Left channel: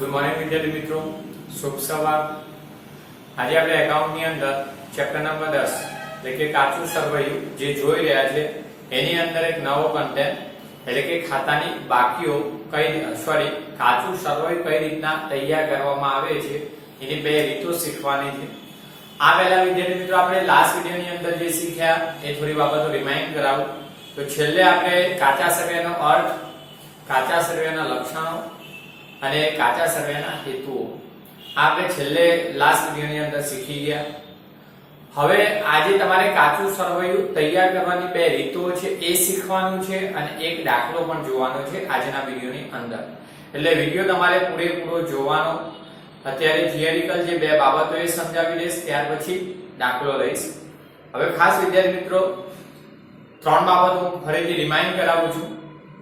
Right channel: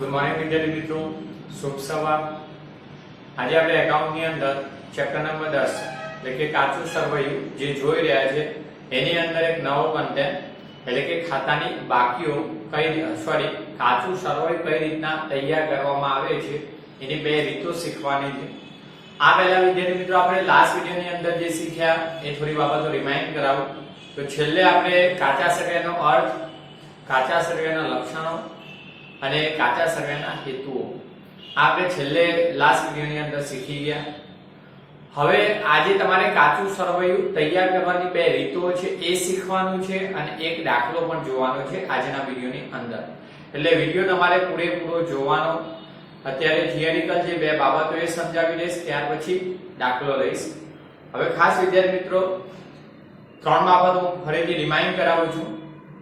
Good morning વિદ્યાર્થી મિત્રો, શુભ સવાર। આજે આપણે એકાઉન્ટની અંદર ચેપ્ટર નંબર 10 એટલે કે કાચું સરવૈયું જે જોઈ રહ્યા છે એની અંદર એક નવો કન્ટેન્ટ એટલે કે ખાતાની બાકીઓ કાચું સરવૈયું કઈ રીતના તૈયાર કરવામાં આવે છે એની બે રીતો શીખવાની છે। આ પહેલા વિદ્યાર્થી મિત્રો આપણે લાસ્ટ વિડિયોની અંદર જે શીખ્યા એ થોડી બાબતો રિમાઇન્ડ કરાવું તો છેલ્લે આપણે કાચા સરવૈયાનો અર્થ, કાચા સરવૈયાના લક્ષણો અને કાચા સરવૈયાના હેતુઓ આપણે છેલ્લે લાસ્ટ વિડિયોની અંદર શીખી ગયા। હવે આજે તમારે કાચું સરવૈયું તૈયાર કરવાની બે રીતો છે એ શીખવાનું છે અને એક દાખલો પણ જોવાનો છે આજના વિડિયોની અંદર। એટલે વિડિયો તમારે પૂરેપૂરો જોવાનો। અત્યારે થિયરિકલ જે બે બાબતો એ સમજાવી દઈશ, ત્યાર પછી દાખલો લઈશ। હવે ખાસ વિદ્યાર્થી મિત્રો ત્રણ બાબતો હું ફરીથી રિમાઇન્ડ કરાવું છું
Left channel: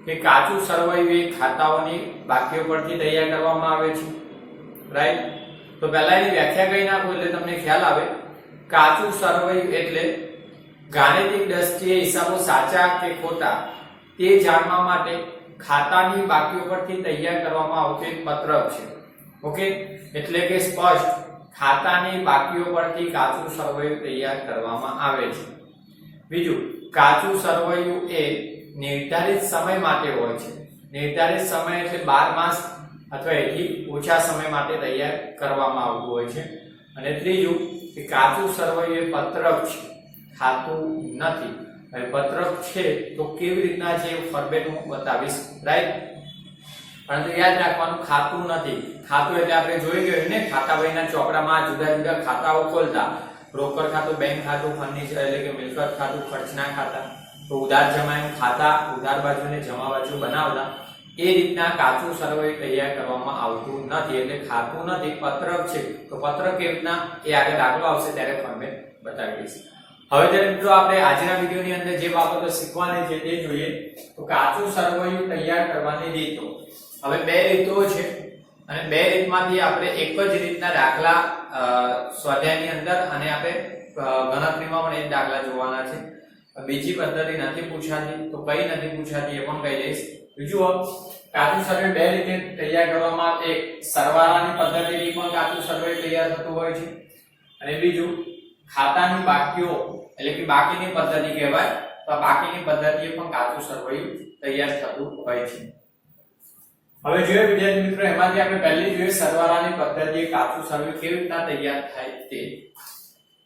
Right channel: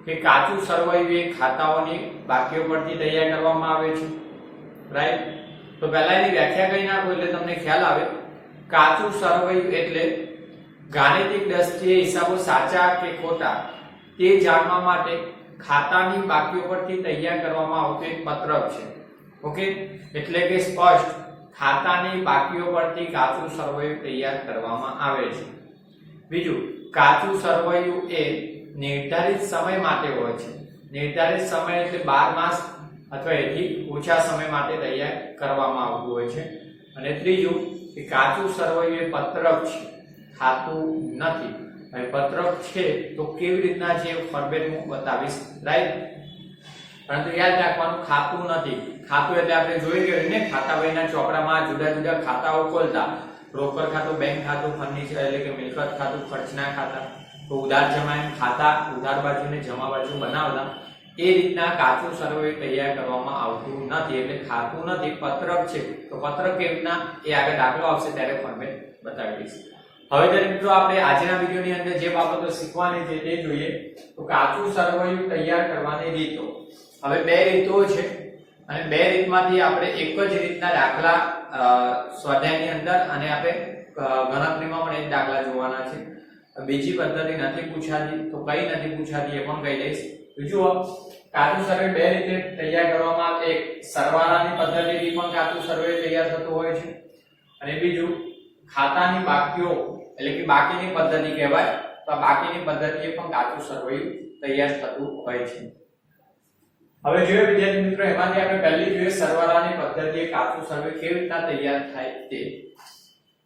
કે કાચું સરવૈયું એ ખાતાઓની બાકીઓ પરથી તૈયાર કરવામાં આવે છે, રાઈટ। તો પહેલા એની વ્યાખ્યા કહી નાખું એટલે તમને ખ્યાલ આવે। કાચું સરવૈયું એટલે ગાણિતિક દ્રષ્ટિએ હિસાબો સાચા કે ખોટા તે જાણવા માટે ખાતાની બાકીઓ પરથી તૈયાર કરવામાં આવતું એક પત્રક છે। ઓકે, એટલે કે સ્પષ્ટ ખાતાની બાકીઓ પરથી કાચું સરવૈયું તૈયાર કરવામાં આવે છે। બીજું, કાચું સરવૈયું એ નિર્ધારિત સમય માટે હોય છે। નિર્ધારિત સમય એટલે 12 માસ અથવા એથી ઓછા સમય માટે તૈયાર કરવામાં આવતું હોય છે। અને ત્રીજું કે કાચું સરવૈયું એ પત્રક છે, ખાતું નથી। હવે પત્રક છે તો કેવી રીતના છે એ ફોર્મેટ હું બતાવીશ, રાઈટ। પરંતુ યાદ રાખવાનું ખાતું નથી। ખાતું એટલે આપણે જોઈ ગયું ને, ખાતા વહીના ચોપડામાં જુદા જુદા ખાતાઓ ખોલતા, રોકડ ખાતું, બેંક ખાતું, ફર્નિચર એટલે કે મિલકત ખાતું, ખર્ચના ખાતા, તો ઉધાર જમા એમ ખાતા ઉધાર બાજુ ને જમા બાજુ બનાવતા। એ રીતના કાચું સરવૈયું તૈયાર કરવામાં આવતું નથી, એટલે ખાતું નથી, પત્રક છે। તો પત્રક કેવી રીતના એ આગળ દાખલો આવશે ત્યારે ફોર્મેટ બતાવી દઈશ। હવે જ્યારે મિત્રો આપણે આજના વિડિયોની અંદર જે બાબતો શીખવાની છે તે જોઈએ તો કાચું સરવૈયું તૈયાર કરવાની રીતો। હવે બે રીતો છે અને બે રીતમાંથી આપણે એક જ રીતના દાખલા સ્વાધ્યાયની અંદર અને આપણે ગણતરીમાં પણ એક દાખલા જોવાના છે। બીજી પદ્ધતિ નથી પૂછાતી તો કઈ નથી પૂછાતી એ પણ કહી દઈશ। જુઓ, કાચું સરવૈયું બે રીતે તૈયાર કરવામાં આવે। એક સરવાળાની પદ્ધતિથી પણ કાચું સરવૈયું તૈયાર થતું હોય છે અને બીજું ખાતાની બાકીઓ એટલે કે બાકીની પદ્ધતિ કહેવાય, તો આ બાકીની પદ્ધતિએ પણ કાચું સરવૈયું તૈયાર થતું હોય છે। હવે જોઈએ વિદ્યાર્થી મિત્રો, એમાંથી આપણે પહેલી જોઈએ સરવાળાની પદ્ધતિએ કાચું સરવૈયું કેવી રીતના તૈયાર થાય તે।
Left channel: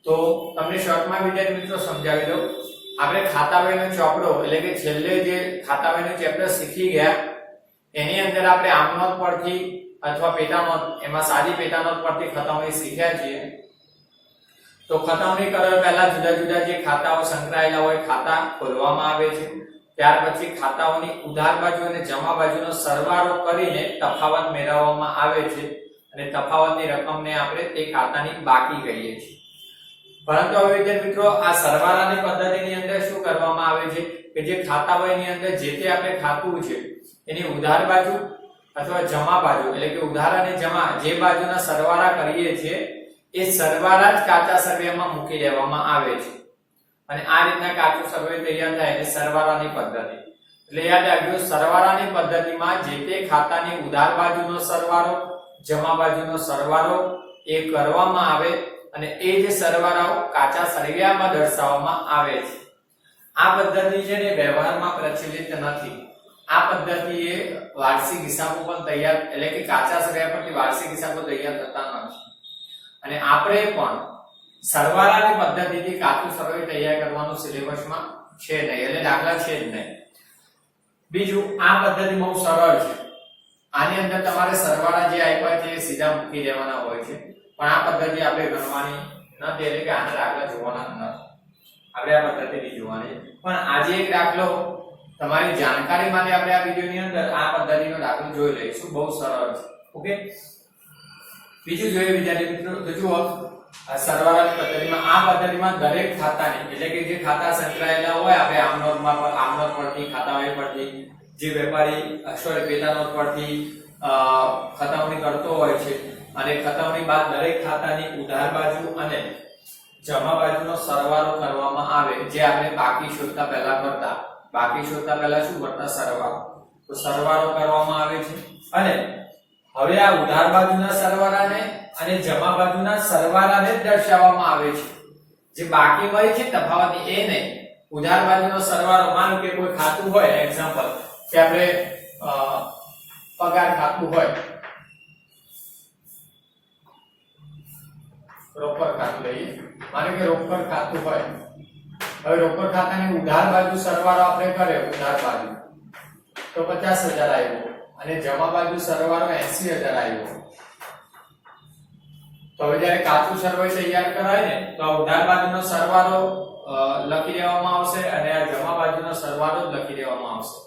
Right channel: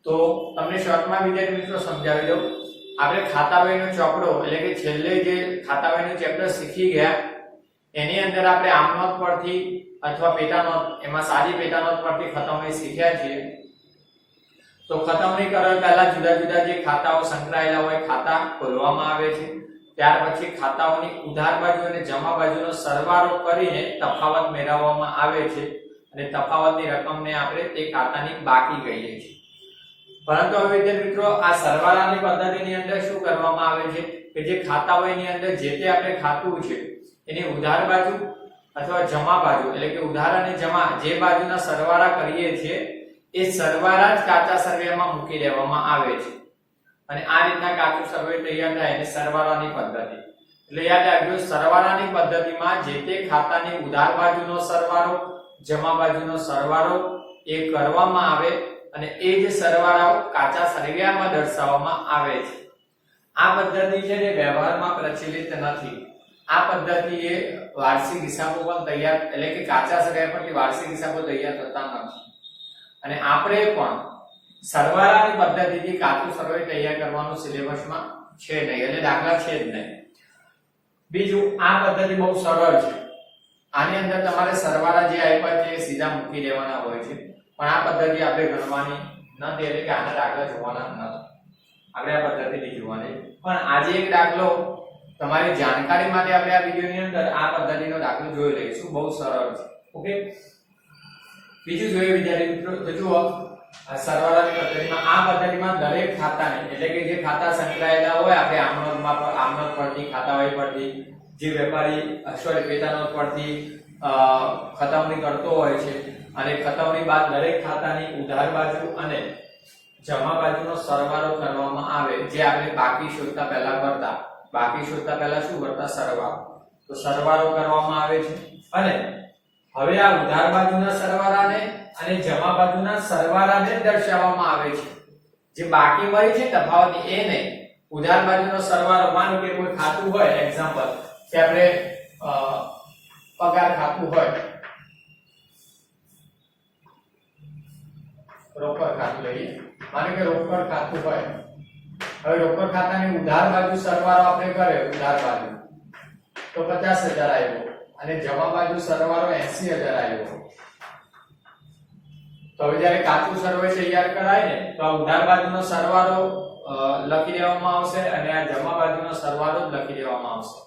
તો તમને શોર્ટમાં વિદ્યાર્થી મિત્રો સમજાવી દઉં। આપણે ખાતાવહીનો ચોપડો એટલે કે છેલ્લે જે ખાતાવહીનું ચેપ્ટર શીખી ગયા એની અંદર આપણે આમનોંધ પરથી અથવા પેટાનોંધ, એમાં સાદી પેટાનોંધ પરથી ખતવણી શીખ્યા છીએ। તો ખતવણી કરવા પહેલા જુદા જુદા જે ખાતાઓ સંકળાયેલા હોય ખાતા ખોલવામાં આવે છે। ત્યાર પછી ખાતાઓની ઉધાર બાજુ અને જમા બાજુનો સરવાળો કરીને તફાવત મેળવવામાં આવે છે અને તફાવતની રકમને આપણે તે ખાતાની બાકી કહીએ છીએ। પરંતુ હવે વિદ્યાર્થી મિત્રો આ સરવાળાની પદ્ધતિની અંદર શું કરવામાં આવે છે કે જે ખાતાવહીની અંદર જે તે આપણે ખાતું છે એની ઉધાર બાજુ અથવા જમા બાજુ એટલે કે ઉધાર અને જમા જે બાજુના સરવાળા કરીએ છીએ એ સરવાળા જ કાચા સરવૈયામાં મૂકી દેવામાં આવે છે અને આ રીતના કાચું સરવૈયું તૈયાર થાય એટલે સરવાળાની પદ્ધતિ। એટલે યાદ રાખજો, સરવાળાની પદ્ધતિમાં જે તે ખાતાની ઉધાર બાજુનો સરવાળો, જમા બાજુનો સરવાળો એ કરવામાં આવે અને એ જે સરવાળાઓ કાચા સરવૈયામાં દર્શાવવામાં આવે છે। આ પદ્ધતિ છે ને વ્યવહારમાં પ્રચલિત નથી। આ પદ્ધતિ એ વાર્ષિક હિસાબો પણ તૈયાર એટલે કે કાચા સરવૈયા પરથી વાર્ષિક હિસાબો તૈયાર થતા નથી અને આપણે પણ સરવાળાની પદ્ધતિથી કાચું સરવૈયું તૈયાર કરવાનું સિલેબસમાં છે નહીં, એટલે દાખલા છે જ નહીં। બીજું, આ પદ્ધતિ બહુ સરળ છે। આની અંદર તમારે સરવાળા જે આપ્યા છે એ સીધા મૂકી દેવાના હોય છે, પણ આ પદ્ધતિ આપણે ગણવાની નથી, એટલે કે આના દાખલા જોવાના નથી, આપણે આ પદ્ધતિથી જોવાની। પણ આજે એક દાખલો તમારી જાણકારી માટે આપણે આ વિડિયોની અંદર આ પદ્ધતિનો દાખલો જોઈ લઈશું, બહુ સરળ છે। ઓકે, બીજું જોઈએ વિદ્યાર્થી મિત્રો તો જુઓ, સરવાળાની પદ્ધતિમાં આ પદ્ધતિમાં દરેક ખાતાની એટલે કે જે ખાતા સંકળાયેલા હોય આપણે આમનોંધ પરથી, ખાતાવહી પરથી, જે વેપારી પેટાનોંધ પરથી ખતવણી કરતો હોય છે અને ખતવણી બાદ દરેક ખાતાની ઉધાર બાજુ અને જમા બાજુનો સરવાળો કરવામાં આવે, જે આપણે બાકી શોધતા પહેલા કરતા। બાકી શોધતા પહેલા શું કરતા? સરવાળો। તો સરવાળો કરવામાં આવે છે અને હવે આ ઉધાર બાજુના સરવાળાને અને જમા બાજુના સરવાળાને જ દર્શાવવામાં આવે છે. જે બાકી મળી છે તફાવત એ નહીં. ઉધાર બાજુનો સરવાળો, માનો કે કોઈ ખાતું હોય, એક્ઝામ્પલ કે આપણે પગાર ખાતું હોય, રોકડ ખાતું લઈએ, માનો કે રોકડ ખાતું હોય. હવે રોકડ ખાતાની ઉધાર બાજુ સરવાળો આપણે કરે, ઉધાર બાજુ તો 50,000 આવ્યો અને જમા બાજુ સરવાળો 80,000 આવ્યો. તો હવે જ્યારે કાચું સરવાળો તૈયાર કરાય ને, તો આ ઉધાર બાજુનો સરવાળો લખી દેવામાં આવશે અને આ જમા બાજુનો સરવાળો જ લખી દેવામાં આવશે.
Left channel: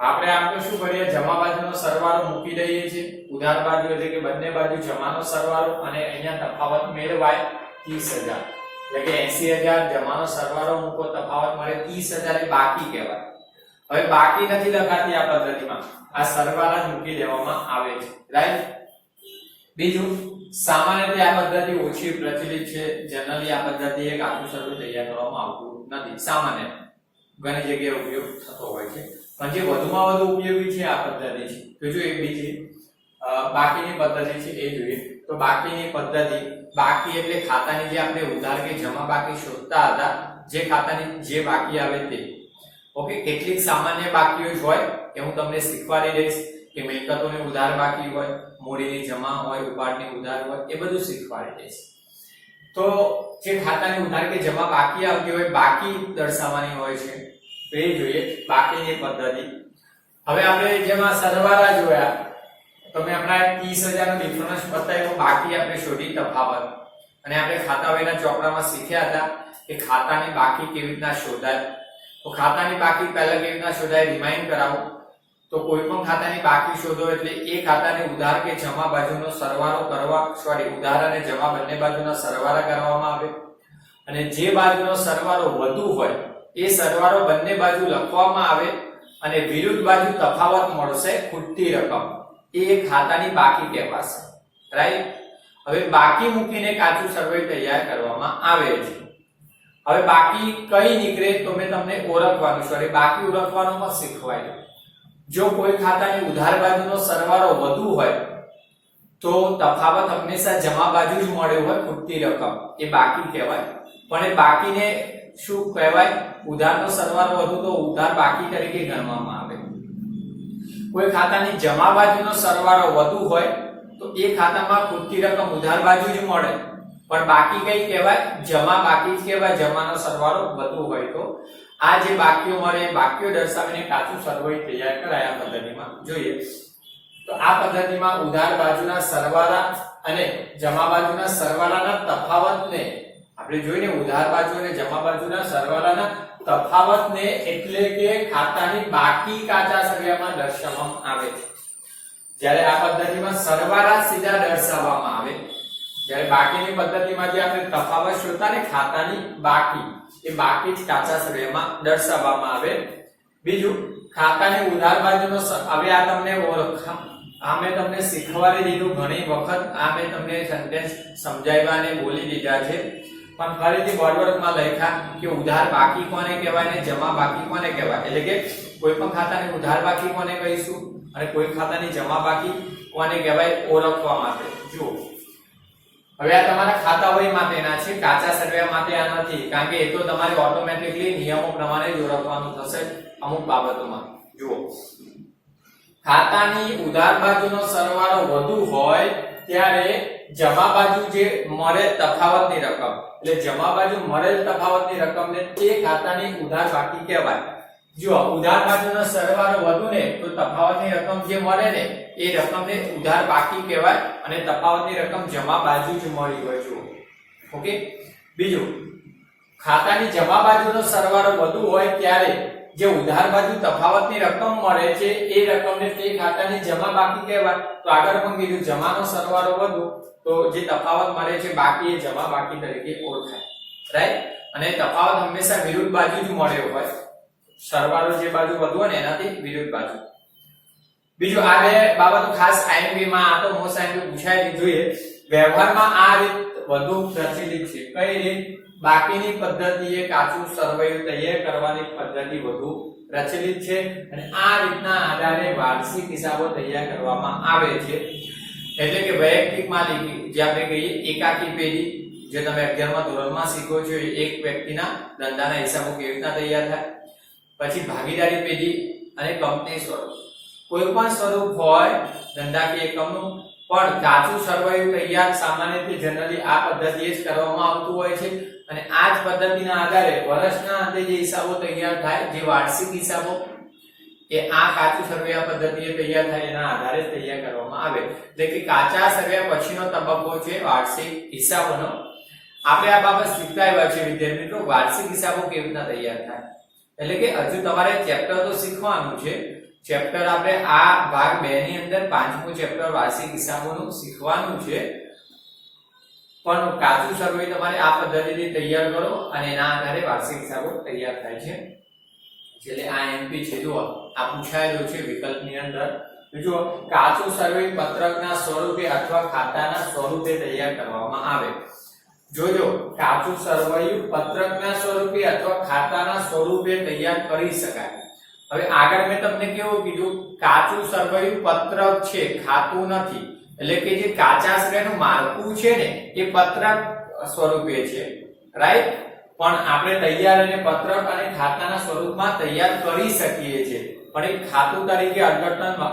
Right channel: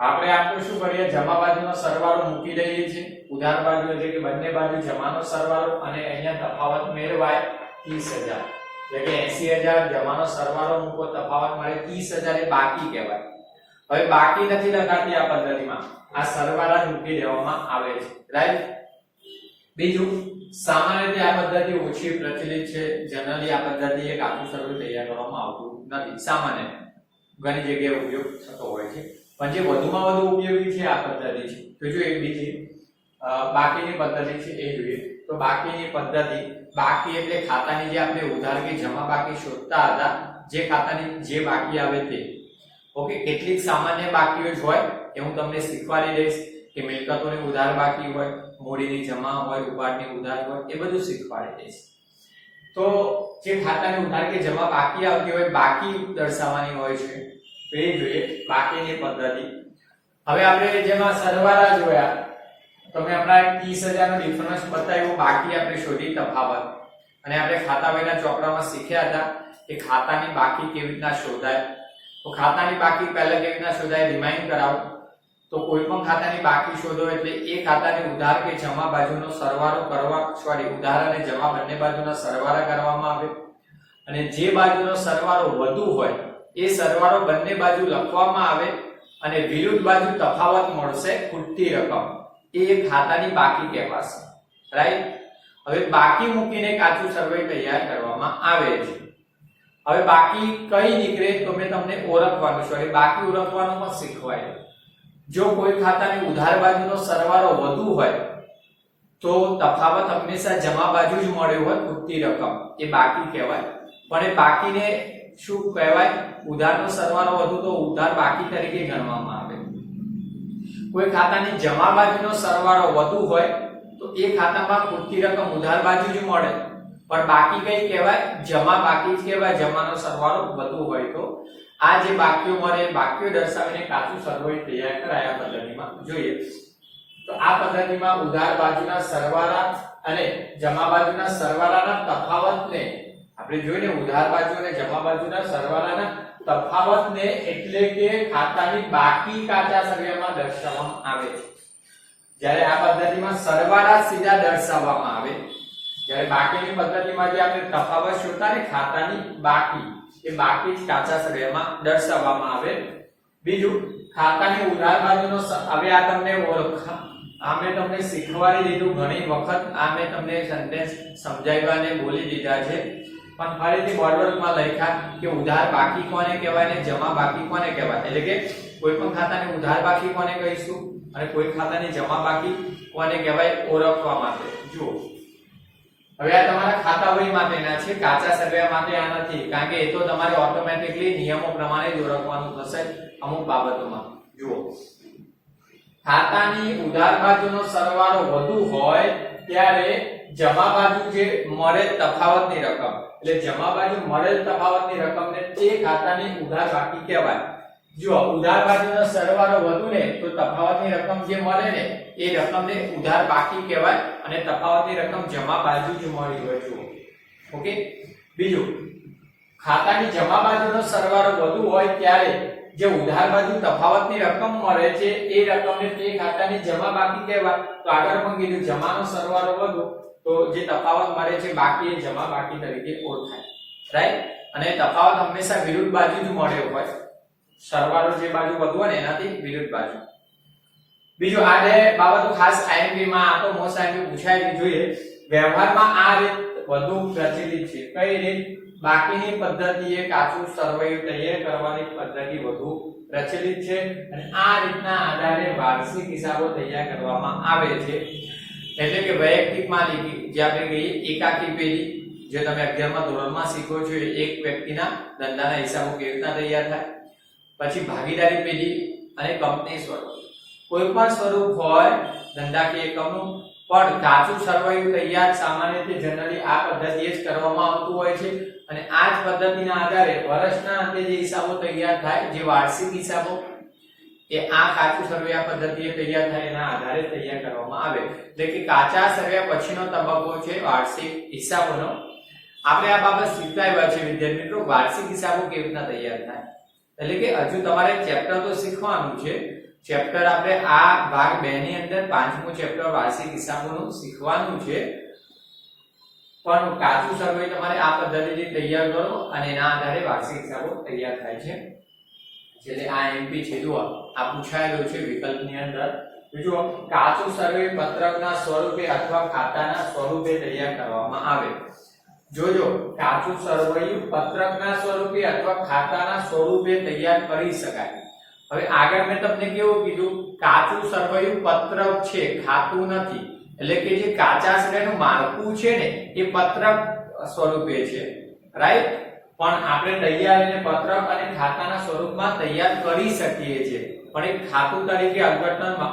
આપણે આમ તો શું કરીએ, જમા બાજુનો સરવાળો મૂકી દઈએ છીએ, ઉધાર બાજુ એટલે કે બંને બાજુ જમાનો સરવાળો અને અહીંયા તફાવત મેળવાય 30,000, એટલે કે 80,000 જમાનો સરવાળો મૂકો, તફાવત મળે 30,000 એ બાકી કહેવાય. હવે બાકી નથી લખાતી આ પદ્ધતિમાં, આ સરવાળા જ મૂકી દેવામાં આવે છે, રાઈટ. બીજું, સામાન્ય રીતે આ પદ્ધતિ ઓછી પ્રચલિત છે. જનરલી આ પદ્ધતિ એક આખું સરવાળો તૈયાર કરવામાં આવતું નથી. સામાન્ય ઘણી જગ્યાએ ઉપયોગ થતો હોય છે, પણ જે વધુમાં વધુ ઉપયોગી છે આ પદ્ધતિ છે. તો જો એક બીજી બાકીની પદ્ધતિ છે એ જોઈએ. તો બાકીની પદ્ધતિ, બાકી એટલે ખાતાની જે આપણે ઉધાર કે જમા બાકી શોધતા હતા, જે ખાતાની જે બાકી આવે તે. ઓકે, કેટલીક સામાન્ય બાકીઓ જ હોય એ હું તમને શીખવાડી દઈશ, કે મિલકતોની ઉધાર બાકી હોય, મૂડીની જમા હોય, ઉપાડની ઉધાર હોય, એ બધું શીખવાડી દઈશ. તો જે ખાતાની ઉધાર કે જમા બાકી આવતી હોય, બાકી દર્શાવવાની હોય છે, તો એ જોઈએ બાકીની પદ્ધતિ. હવે આપણે જેમાં સરવાળા જોયા, તમે આપણા 30,000 નો ડિફરન્સ બતાવ્યો, બાકી આપણે શોધી તફાવત, અને આપણે ખાતા વહીના ચોપડામાં શીખ્યા હતા કે ખાતાની બાકી કેવી રીતના શોધાય. તો ખાતાની બાકી પહેલા કેવી રીતના શોધાય રિમાઇન્ડ કરાવો. તો કોઈ પણ ખાતાની બાકી શોધો એટલે એ ખાતાની ઉધાર કે જમા બાજુનો સરવાળો કરવા, ઉધાર અને જમા બંને બાજુના સરવાળા કરવામાં આવે, અને જે બાજુનો સરવાળો વધુ હોય એ સરવાળો બંને બાજુ લખવામાં આવે, અને વિરુદ્ધ બાજુ તફાવત મળશે ખૂટતી રકમ, એ ખાતાની બાકી કહેવાશે, રાઈટ. હવે બાકી મૂકીને કાચું સરવાળો તૈયાર કરવામાં આવે છે. હવે બાકી કઈ નીકળે તો મેં તમને ઓળખવાનું, બાકી ઓળખવાનું પણ શીખવાય. જો કોઈ ખાતાની ઉધાર બાજુનો સરવાળો વધુ હોય તો તફાવત હંમેશા જમા બાજુ જ મળ્યો હોય, ખૂટતી રકમ, એ બાકી કહેવાય. પણ એ બાકીને શું કહેવાય, ઉધારનો સરવાળો વધુ તો ઉધાર બાકી તરીકે ગણવામાં આવે. કોઈ ખાતાની જમા બાજુનો સરવાળો વધુ હોય તો એ ખાતામાં ખૂટતી રકમ ઉધાર બાજુ જ મળે, પણ બાકી કઈ કહેવાય, જમા બાકી જ કહેવાય, જમાનો સરવાળો વધુ હોય તો. આ જે બાકીઓ મળે એ બાકીઓ દર્શાવીને કાચું સરવાળો તૈયાર કરાય આ પદ્ધતિમાં. જોઈએ તો આ પદ્ધતિમાં ઉધાર બાજુના સરવાળા અને જમા બાજુના સરવાળાના તફાવતને આપણે જોઈને, ઉધાર બાજુ અને જમા બાજુના સરવાળાના તફાવતને એટલે કે ખાતાની બાકી કાચા સરવાળામાં દર્શાવવામાં આવે છે. જ્યારે આ પદ્ધતિમાં સરવાળા સીધા દર્શાવવામાં આવે, જ્યારે બાકીની પદ્ધતિમાં જે આપણે તફાવત શોધતા ને ખાતાની બાકી, એ બાકી જ કાચા સરવાળામાં દર્શાવવામાં આવે. બીજું, ખાતાની ઉધાર બાજુનો, હવે આ તમને આ મેં તમને શીખવાડી દીધું ઘણી વખત, આ મેં તમને સેન્ટેન્સ સમજાવ્યા અને બોલી દીધા છે, પણ ફરીથી બોર્ડવર્કમાં લખ્યા કે ઉધાર બાકી કોને કહેવાય ને જમા બાકી કોને કહેવાય. એટલે કે કોઈ પણ ખાતાની ઉધાર બાકી કોને કહીશું અને કોઈ ખાતાની જમા બાકી કોને કહેવાય, ઓળખવા માટે. જુઓ, હવે આ તમારા ખાતાવહી માટેના છે, કાચા સરવાળા માટે આ નથી, કારણ કે એ તો તમારે ઓટોમેટિકલી નિયમો પ્રમાણે જ ઓળખવાનું થશે અમુક બાબતોમાં. જુઓ, ખાતાની ઉધાર બાજુનો સરવાળો વધુ હોય ત્યારે જમા બાજુ જે મળેલ તફાવતની રકમ, એટલે જમા બાજુ મળેલ તફાવતની રકમને તે ખાતાની ઉધાર બાકી કહેવાય. જો ઉધાર બાજુનો સરવાળો વધુ ને તો તફાવતની રકમ જે મળે ને એ રકમને ઉધાર બાકી કહેવાય, અને તફાવતની રકમ જમા બાજુ જ મળી હોય. જુઓ, ઓકે. બીજું, ખાતાની જમા બાજુનો સરવાળો વધુ હોય ત્યારે જે ઉધાર બાજુ તફાવતની રકમ મળે છે એ રકમને તે ખાતાની જમા બાકી કહેવાય. તો આગળ પણ કીધું, જમાનો સરવાળો વધુ તો જે તફાવત મળે છે બાકી, એ જમા બાકી તરીકે ઓળખાય, રાઈટ. અને તફાવત હંમેશા વિરુદ્ધ બાજુ જ મળ્યો હોય, સરવાળો જે બાજુ વધુ હોય ને એનાથી વિરુદ્ધ બાજુ. બીજું, આ બે બાબતો ખાસ આઈએમપી માં, આ તો મોસ્ટ આઈએમપી પૂછાય જોઈએ. વ્યવહારમાં આ રીત વધુ પ્રચલિત છે. કઈ રીત? બાકીની પદ્ધતિએ કાચું સરવાળો તૈયાર કરવાની પદ્ધતિ વધુ પ્રચલિત છે અને આ રીતના આધારે વાર્ષિક હિસાબો તૈયાર કરવામાં આવે છે. એટલે કે વૈયક્તિક માલિકી જે આપણે કહીએ એકાકી પેઢી જે તમે 11મા ધોરણમાં શીખો છો એક વ્યક્તિના ધંધાના હિસાબો કેવી રીતના તૈયાર થાય. પછી ભાગીદારી પેઢી અને કંપની સ્વરૂપ. કોઈ પણ સ્વરૂપ હોય ધંધાકીય એકમનું પણ કાચું સરવૈયું તૈયાર સામાન્ય રીતે જનરલી આ પદ્ધતિએ જ કરવામાં આવતું હોય છે અને આ જ પદ્ધતિના આધારે વર્ષના અંતે જે હિસાબો તૈયાર થાય જે વાર્ષિક હિસાબો એ આ કાચું સરવૈયા પદ્ધતિએ તૈયાર થાય એના આધારે તૈયાર કરવામાં આવે. એટલે કે કાચા સરવૈયા પછીનો તબક્કો છે વાર્ષિક હિસાબોનો. આપણે આ બાબત શીખતા આવ્યા છે વિદ્યાર્થી મિત્રો વાર્ષિક હિસાબો કેવી રીતના તૈયાર થાય. એટલે કે હજુ તમારે ચેપ્ટર તો શીખવાનું છે. ચેપ્ટર આપણે આ ભાગ 2 ની અંદર 5મું ચેપ્ટર વાર્ષિક હિસાબોનું શીખવાનું છે. પણ કાચું સરવૈયું તમારે આ પદ્ધતિથી તૈયાર કરો અને એના આધારે વાર્ષિક હિસાબો તૈયાર થાય છે. એટલે આ એમપી છે જુઓ આ પૂછાયેલું છે વિકલ્પની અંદર. જુઓ કાચું સરવૈયું પત્રકના સ્વરૂપે અથવા ખાતાના સ્વરૂપે તૈયાર કરવામાં આવે. જોજો કાચું સરવૈયું પત્રકના સ્વરૂપે અથવા ખાતાના સ્વરૂપે તૈયાર કરી શકાય. હવે આગળ મેં તમને કેવું કીધું કાચું સરવૈયું પત્રક છે ખાતું નથી. એટલે કે જે કાચા સરવૈયાનું માળખું છે ને એ પત્રક સ્વરૂપે છે રાઈટ. પણ આપણે તૈયાર અને પત્રક અને ખાતાના સ્વરૂપમાં તૈયાર કરી શકીએ છીએ. પણ એક ખાતું તરીકે અર્થઘટનમાં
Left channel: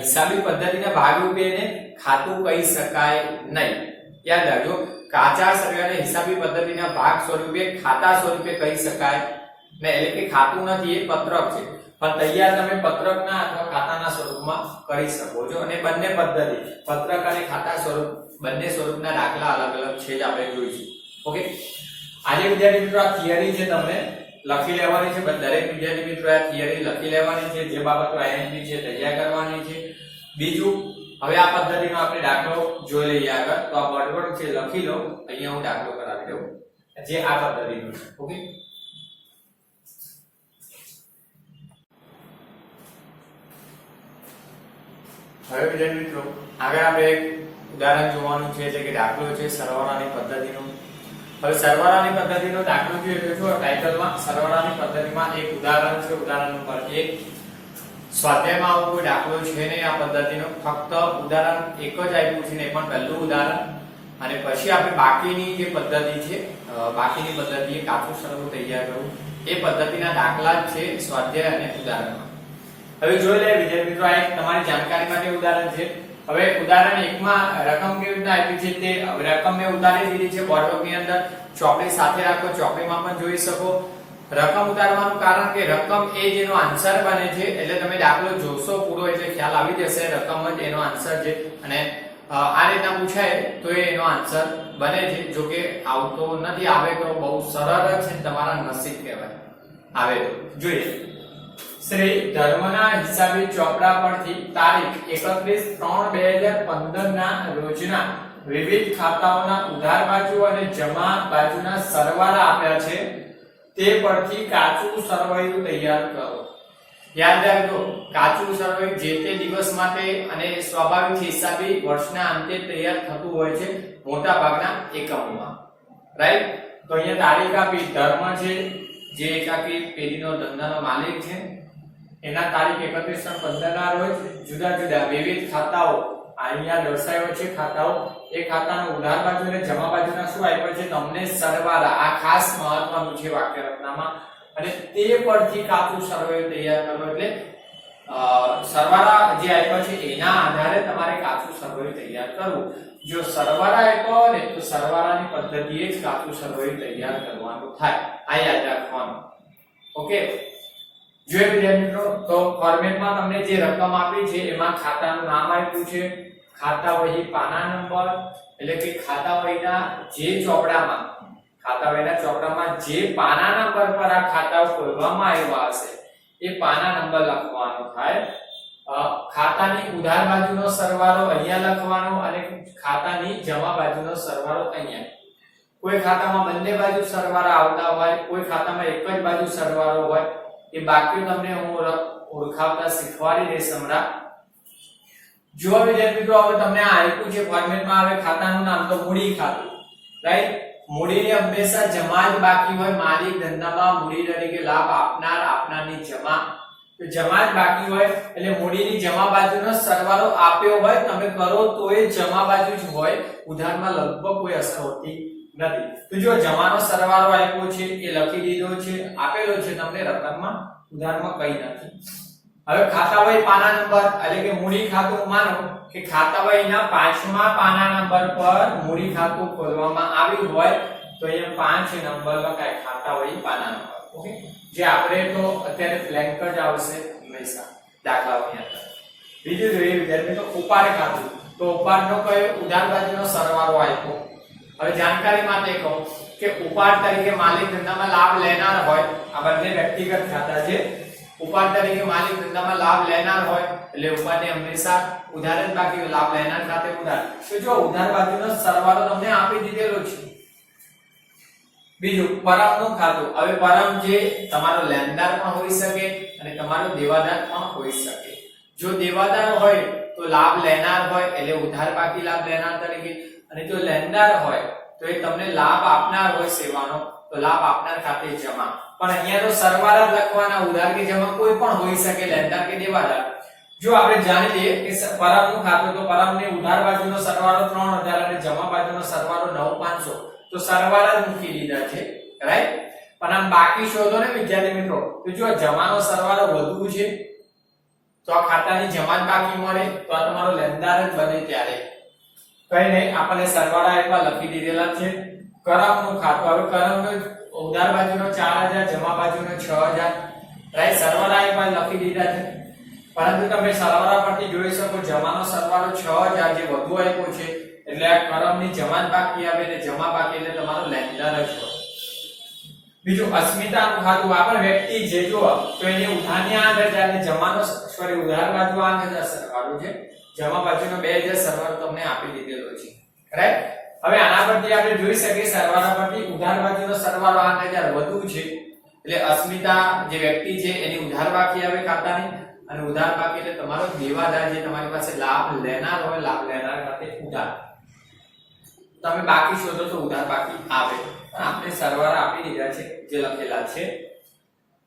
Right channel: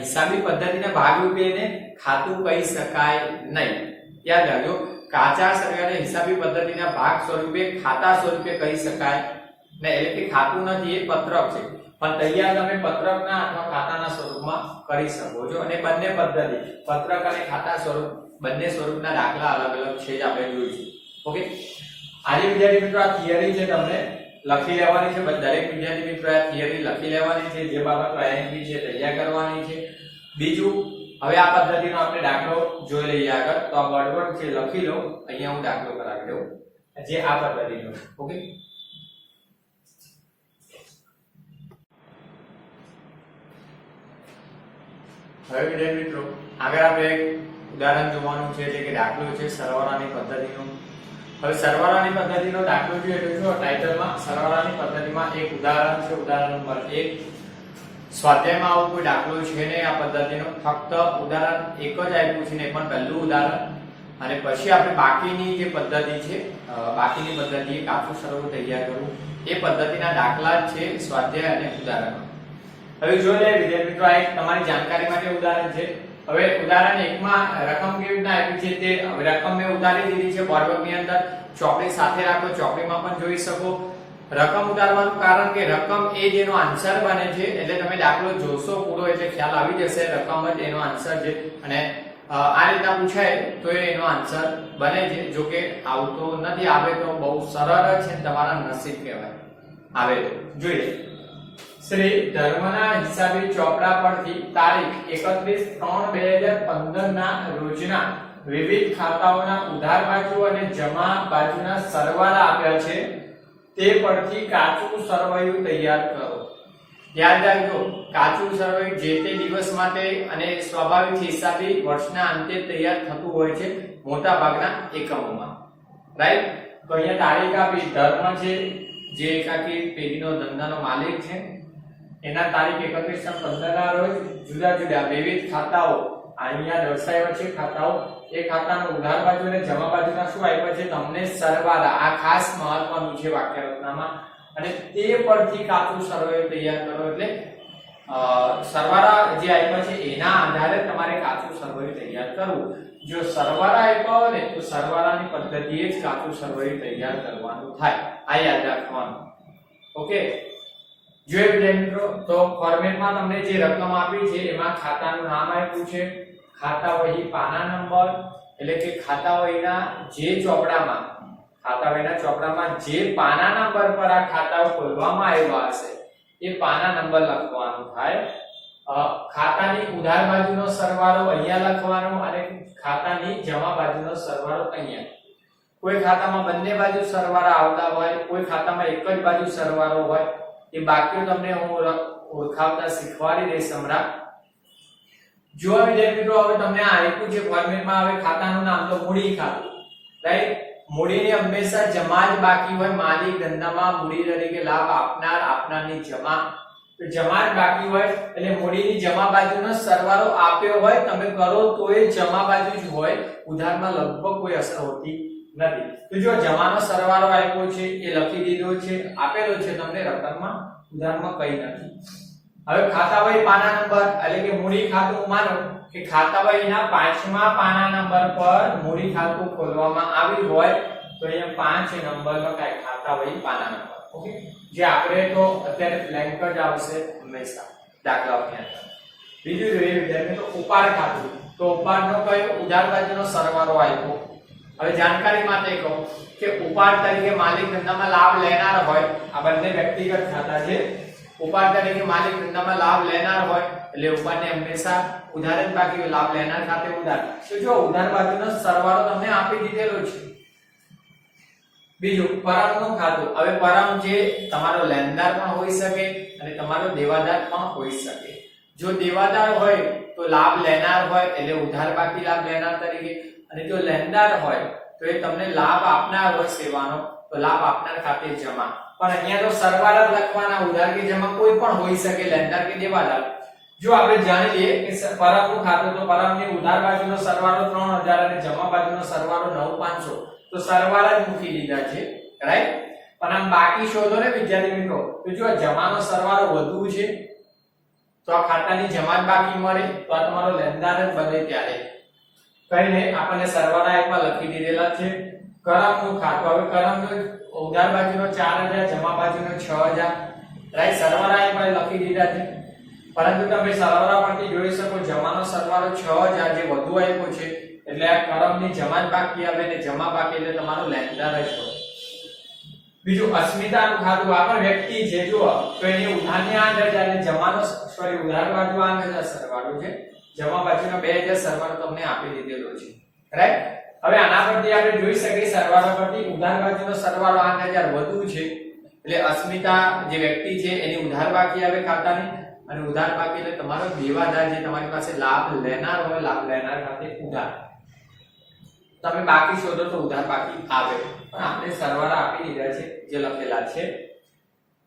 હિસાબી પદ્ધતિના ભાગરૂપે એને ખાતું કહી શકાય નહીં. યાદ રાખજો કાચા સરવૈયાને હિસાબી પદ્ધતિના ભાગ સ્વરૂપે ખાતા સ્વરૂપે કહી શકાય ને. એટલે કે ખાતું નથી એ પત્રક છે પણ તૈયાર તમે પત્રકના અથવા ખાતાના સ્વરૂપમાં કરી શકો છો. અને બંને પદ્ધતિ પત્રક અને ખાતા સ્વરૂપ બંને સ્વરૂપના દાખલા અલગ અલગ છે જ આપણે જોઈશું. ઓકે આજે વિદ્યાર્થી મિત્રો આ થિયરી છે તમને લખી લેવાની છે. દરેક વિદ્યાર્થી મિત્રો આ થિયરી લખી લેવાની છે. જે બાબતો આઈએમપી છે તૈયાર કરવાની છે. બીજું હવે આ પદ્ધતિનો આપણે દાખલો જોઈ લઈએ આગળ. તો આ બળવડ છે લખી લો. અહીંયા હું દાખલો કરાવી દઉં જે આ પદ્ધતિનો છે. ઓકે હવે વિદ્યાર્થી મિત્રો આગળ આપણે એક ઉદાહરણ જોવાનું છે એટલે કે દાખલો છે સરવાળાની પદ્ધતિનો. હવે સરવાળાની પદ્ધતિનો દાખલો જોઈએ તો જો ટાઇટલમાં સરવાળાની પદ્ધતિમાં એક ઉદાહરણ છે. ઉદાહરણ નંબર 1. સ્વાધ્યાયમાં આવો કોઈ દાખલો છે નહીં આ પદ્ધતિનો. ફક્ત ઉદાહરણ એક જ આપ્યું છે ને પણ પહેલું ઉદાહરણ. અને પછી આપણે બાકીની જે પદ્ધતિ છે બાકીની પદ્ધતિ કાચું સરવૈયું તૈયાર કરવું એ પદ્ધતિના દાખલા જ છે સ્વાધ્યાય અને ઉદાહરણમાં. હવે જોઈ લઈએ વિદ્યાર્થી મિત્રો આ એક તમારી જાણકારી માટે ઉદાહરણ છે. હવે ઉદાહરણ 1 માં રકમ કેવી રીતના આપી છે તે રકમ મેં ઉતારી દીધી છે બોર્ડવર્કની અંદર. ચોકડી સાથે રાખો ચોકડીમાં પણ જોઈ શકો. રકમ ઉતારવાનું કારણ કે રકમ એ જેનો આન્સર બને છે. એટલે તમે દાખલો જોશો પૂરો એટલે ખ્યાલ આવી જશે રકમ જ એનો આન્સર છે. અને આ રીતના પૂછાય તો એનો આન્સર બને છે. જો કે આવતો નથી આવે તો બહુ સરળ છે તમારા નસીબ કહેવાય આવે તો. જોઈએ શ્રી ધર્મના હિસાબી ચોપડા પરથી તારીખ 31/3/2015 ના રોજના વિવિધ ખાતાઓના ઉધાર બાજુ અને જમા બાજુના સરવાળા આપ્યા છે. તે પરથી કાચું સરવૈયું તૈયાર કરો. યાદ રાખજો કાચું સરવૈયું જે તે દિવસ માટે અને સ્વાભાવિક હિસાબી વર્ષના અંતે તૈયાર થતું હોય છે મોટા ભાગના એકમોમાં રાઈટ. તો અહીંયા તારીખ આપી ધર્મ છે જે એકાકી પેઢીનો ધંધાનો માલિક છે. એના તારીખ 31/15 ના રોજ જુદા જુદા વિવિધ ખાતાઓ અહીંયા દર્શાવ્યો છે ખાતાઓ. એ ખાતાનો ઉધાર બાજુ અને જમા બાજુના શું આપ્યા છે તમને સરવાળા. આ ખાસ મહત્વનું છે વાક્ય રચનામાં. અને તે પરથી કાચું સરવૈયું તૈયાર કરો. એટલે સરવાળા જે આપ્યા છે એના આધારે તમારે કાચું સરવૈયું તૈયાર કરવું. જો સરવાળા આપ્યા હોય ને તો સરવાળાની પદ્ધતિએ જ કાચું સરવૈયું તૈયાર કરવાનું થાય. આ યાદ રાખવાનું. ઓકે જોઈએ વિદ્યાર્થી મિત્રો તો ફોર્મેટમાં તમને જે રકમ આપી છે એમાં ખાતાનું નામ આપ્યું છે. ખાતા વહી પાના નંબર એટલે કે ખાતા વહીના જે ચોપડામાં જે પાના નંબર પર આ ખાતાઓ ખોલવામાં આવ્યા હશે એ પાના નંબર લખવાનો થાય. ખાતાની ઉધાર બાજુનો સરવાળો અહીંયા લખવાનો અને ખાતાની જમા બાજુનો સરવાળો અહીંયા. કોઈ ખાતામાં બંને બાજુ સરવાળા આવતા હોય કોઈ ખાતામાં એક જ બાજુ સરવાળો હોય. એ બાકીઓ તમને હું ઓળખાવતા શીખવાડી દઈશ હમણાં. જો વિદ્યાર્થી મિત્રો હવે તમને આ આપ્યું છે ફોર્મેટમાં. હવે ખાતાનું નામ તો મૂડી ખાતું રાઈટ. મૂડીની હંમેશા જમા જ બાકી હોય, માલિક ધંધામાં મૂડી તરીકે લાભ આપનાર, આપનારની જમા, તો જમા જ બાકી હોય એટલે મૂડીની જમા બાજુનો સરવાળો આપ્યો હોય તમે કરો તો એ જમા બાજુ જ હોય, ઉધારમાં લગભગ કોઈ અસર હોતી નથી. તો જો જમાનો સરવાળો આપ્યો છે એ લખી દીધો છે, આપેલો છે તમને રકમમાં, ઉધારમાં કઈ નથી. હવે ખાતાવહી પાના નંબર એટલે કે મૂડી ખાતું, માનો કે ખાતાવહીના 5મા પાના નંબર પર મૂડી ખાતું ખોલવામાં આવ્યું હોય તો અહીંયા 5 નંબર લખાય, ખાતાવહી પાના નંબર. ઓકે, જે આપણે તો અત્યારે બ્લેન્ક જ આવશે હંમેશા દાખલાઓની અંદર. બીજું જોઈએ વિદ્યાર્થી તો ઉપાડ ખાતું, તો ઉપાડનો કયો ઉધાર બાજુનો સરવાળો આપ્યો. હવે જાણકારી માટે કહું કે ઉપાડ તરીકે માલિક ધંધામાં લાભ લેનાર હોય, આ બંને વ્યક્તિગત ખાતા છે. ઉપાડ તરીકે માલિક ધંધામાં લાભ લેનાર હોય એટલે ઉપાડને હંમેશા ઉધાર જ બાકી હોય, લાભ લેનાર ખાતે ઉધાર. તો જો ઉધાર બાજુનો સરવાળો તમને આપી દીધેલો છે. બીજું પરમનું ખાતું, હવે પરમ જે તમારો લેણદાર પણ હોઈ શકે અને તમારો દેવાદાર પણ હોઈ શકે. જો દેવાદાર હોય તો લાભ લેનાર હોય એટલે ઉધાર બાકી લાભ લેનાર તરીકે, અને જો લેણદાર હોય તો એ તમને લાભ આપનાર હોય સેવાનો, તો લાભ આપનાર ખાતે જમા. પણ અહીંયા તો સરવાળા જ લખવાના, ઉધાર કે જમા કોઈ પણ હોઈ શકે, લેણદાર કે દેવાદાર. જો આપણે જાણી લઈએ કે પરમનું ખાતું, તો પરમની ઉધાર બાજુનો સરવાળો 3000 અને જમા બાજુનો સરવાળો 9500, તો સરવાળા જ મૂકી દીધા છે, રાઈટ. પણ આમ બાકી શોધો ને વિદ્યાર્થી મિત્રો, તો જો જમાનો સરવાળો વધુ છે તો આ ખાતાની જમા જ બાકી મળે, તો આ તમારો લેણદાર જ બને. ત્યારે કઈ નહીં, આપણને સરવાળા એકમાં લખી દીધેલા છે. કરમનું ખાતું, હવે કરમનો ઉધાર બાજુનો 4000, જમા બાજુનો 6000, રાઈટ. સરવાળા એકમાં લખી દીધા છે, પરંતુ તમે સરવાળા પરથી જોઈ શકો જમાનો સરવાળો 6000 જે વધુ આપ્યો છે એટલે આ કરમની જમા જ બાકી આવે ને જમા બાકી એટલે તમારો લેણદાર જ હોય. બીજું અસ્મિતાનું ખાતું, આ પણ વ્યક્તિ છે જો, તો એની ઉધારની 8000 અને જમાનો ઉધાર બાજુ 8000 સરવાળો છે, જમા બાજુનો 2000 સરવાળો તમને આપી દીધેલો છે, રાઈટ. હવે આના પરથી આપણે જોઈ શકીએ સરવાળા પરથી ઉધાર બાજુનો સરવાળો 8000 વધુ છે એટલે અસ્મિતા જે વ્યક્તિ છે એની ઉધાર બાકી આવે ખાતાની, અને ઉધાર બાકી એટલે તમારો દેવાદાર જે તમારી પાસે લાભ લેનાર હોય, લાભ લેનાર ખાતે ઉધાર. તમે બાકી શોધો તો ઉધાર બાકી આવે, પણ આપણે સરવાળા આપી દીધા છે જે લખેલા છે.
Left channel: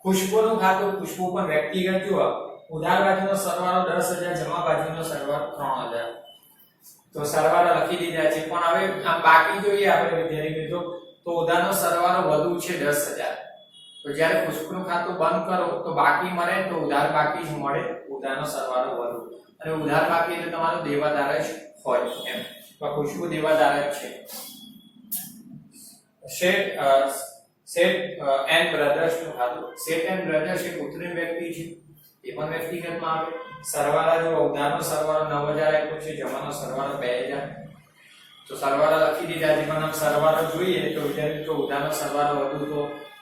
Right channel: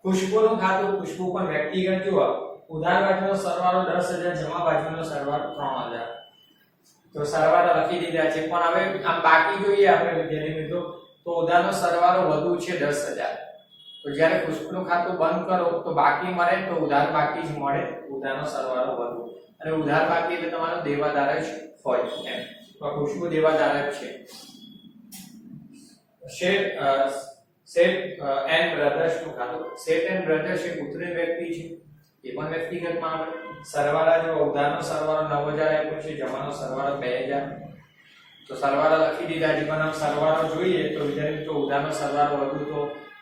ખુશ્બુનું ખાતું, ખુશ્બુ પણ વ્યક્તિગત જુઓ, ઉધાર બાજુનો સરવાળો 10000, જમા બાજુનો સરવાળો 3000, તો સરવાળા લખી દીધા છે. પણ હવે આમ બાકી જોઈએ આપણે વિદ્યાર્થી મિત્રો, તો ઉધારનો સરવાળો વધુ છે 10000, તો જ્યારે ખુશ્બુનું ખાતું બંધ કરો તો બાકી મળે, તો ઉધાર બાકી જ મળે, ઉધારનો સરવાળો વધુ, અને ઉધાર બાકી એટલે તમારો દેવાદાર જ હોય એમ. તો ખુશ્બુ દેવાદાર જ છે. શેઠ એન્ડ બ્રધર્સ નું ખાતું, શેઠ એન્ડ બ્રધર્સ એક કૃત્રિમ વ્યક્તિ છે, એ પણ વ્યક્તિગતમાં આવે. સરવાળા જો ઉધારનો સરવાળો 9000 આપ્યો છે, જમાનો સરવાળો 2000, તો સરવાળા લખી દીધા છે. પણ આમ સરવાળો જોઈએ તો વિદ્યાર્થી તો ઉધારનો સરવાળો વધુ,